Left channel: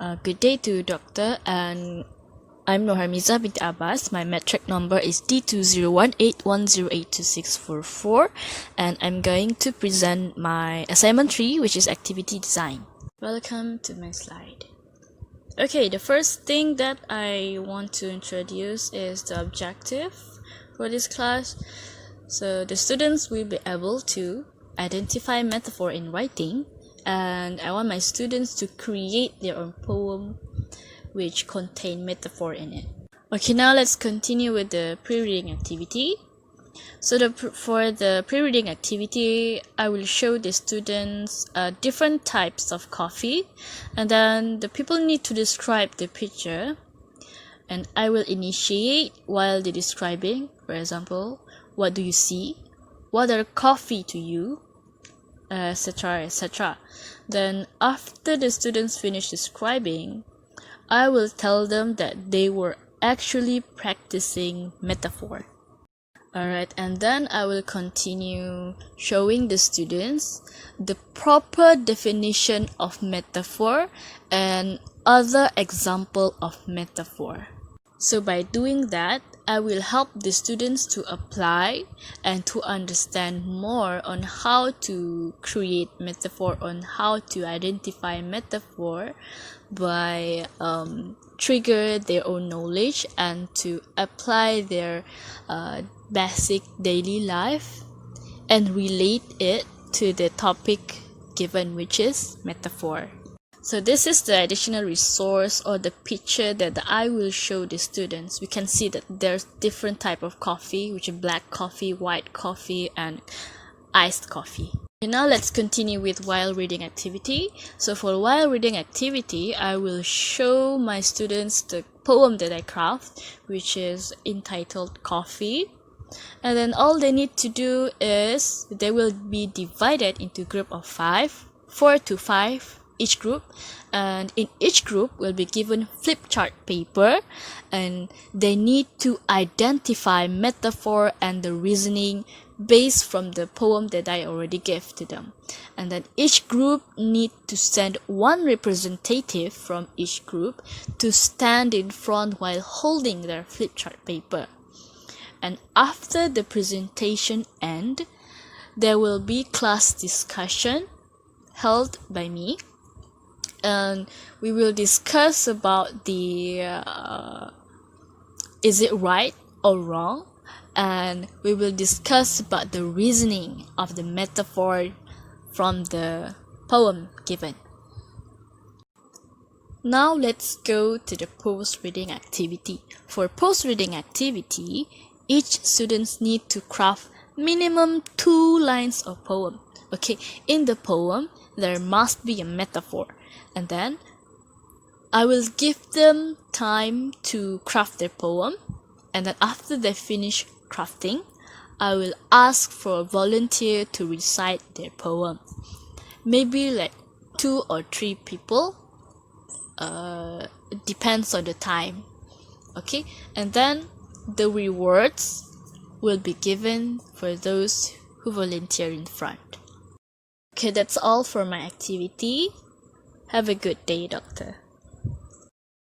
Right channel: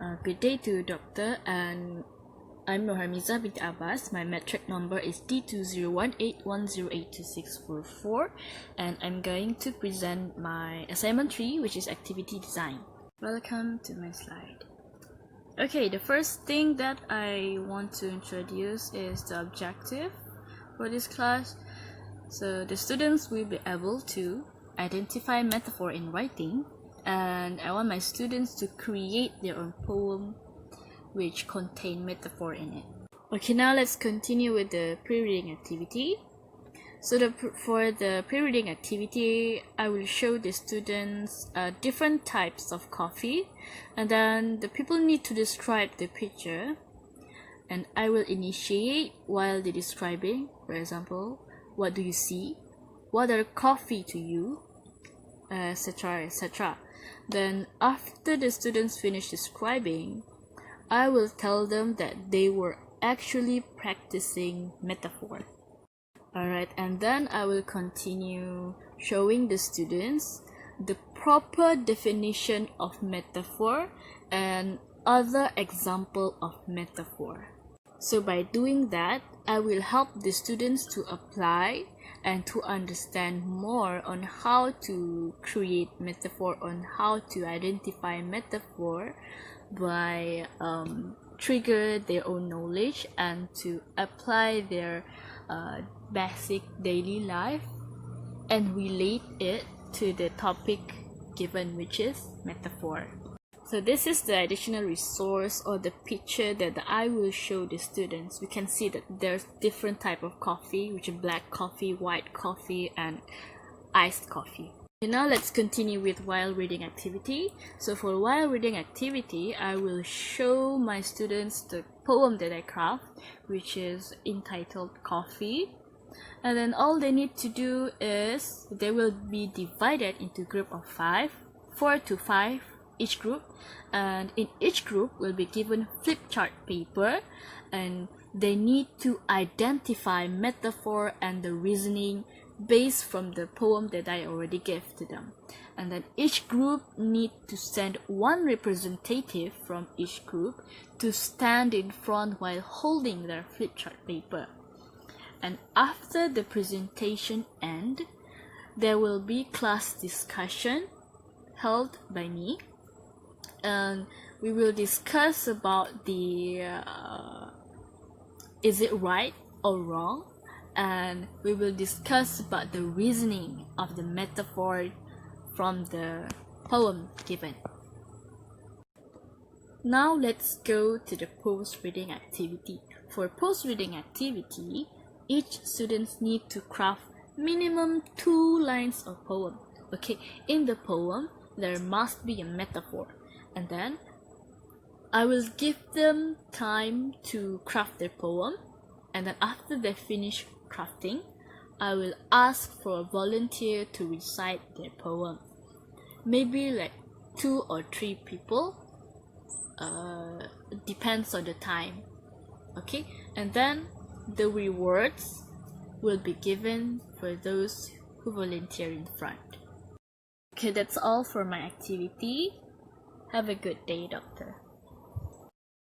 Good day to Doctor, and I'm Noharmiza bint Abbas. My metric number is D20181082644, and I'm going to present my assignment 3, which is activity design. Welcome to my slide. Okay, the first thing that I want to introduce is the objective for this class. So the students will be able to identify metaphor in writing, and I want my students to create their own poem which contain metaphor in it. Okay, now let's continue with the pre-reading activity. So for the pre-reading activity, I will show the students different types of coffee, and then the people need to describe the picture, and I will initiate while they're describing. For example, what do you see? What are coffee to you? Etc. etc. Then after the students finish describing, I will tell them that they were actually practicing metaphor. Alright, and then I will continue showing the students the proper definition of metaphor and other example of metaphor. So by doing that, I will help the students to apply and to understand more on how to create metaphor, on how to identify metaphor by trigger their own knowledge and to apply their basic daily life and relate it to the topic given, which is metaphor. So this is the additional resource or the picture that I will show the students. We can see that there's different type of coffee, which is black coffee, white coffee, and iced coffee. Okay, now let's continue with while reading activity. So for while reading activity, I will show my students the poem that I craft, which is entitled Coffee. And then all they need to do is they will be divided into group of 5, 4 to 5 each group, and in each group will be given flip chart paper, and they need to identify metaphor and the reasoning based from the poem that I already gave to them. And then each group need to send one representative from each group to stand in front while holding their flip chart paper. And after the presentation end, there will be class discussion held by me, and we will discuss about the is it right or wrong, and we will discuss about the reasoning of the metaphor from the poem given. Now let's go to the post-reading activity. For post-reading activity, each students need to craft minimum 2 lines of poem. Okay, in the poem there must be a metaphor, and then I will give them time to craft their poem, and then after they finish crafting, I will ask for a volunteer to recite their poem. Maybe like 2 or 3 people, it depends on the time. Okay, and then the rewards will be given for those who volunteer in front. Okay, that's all for my activity. Have a good day, Doctor.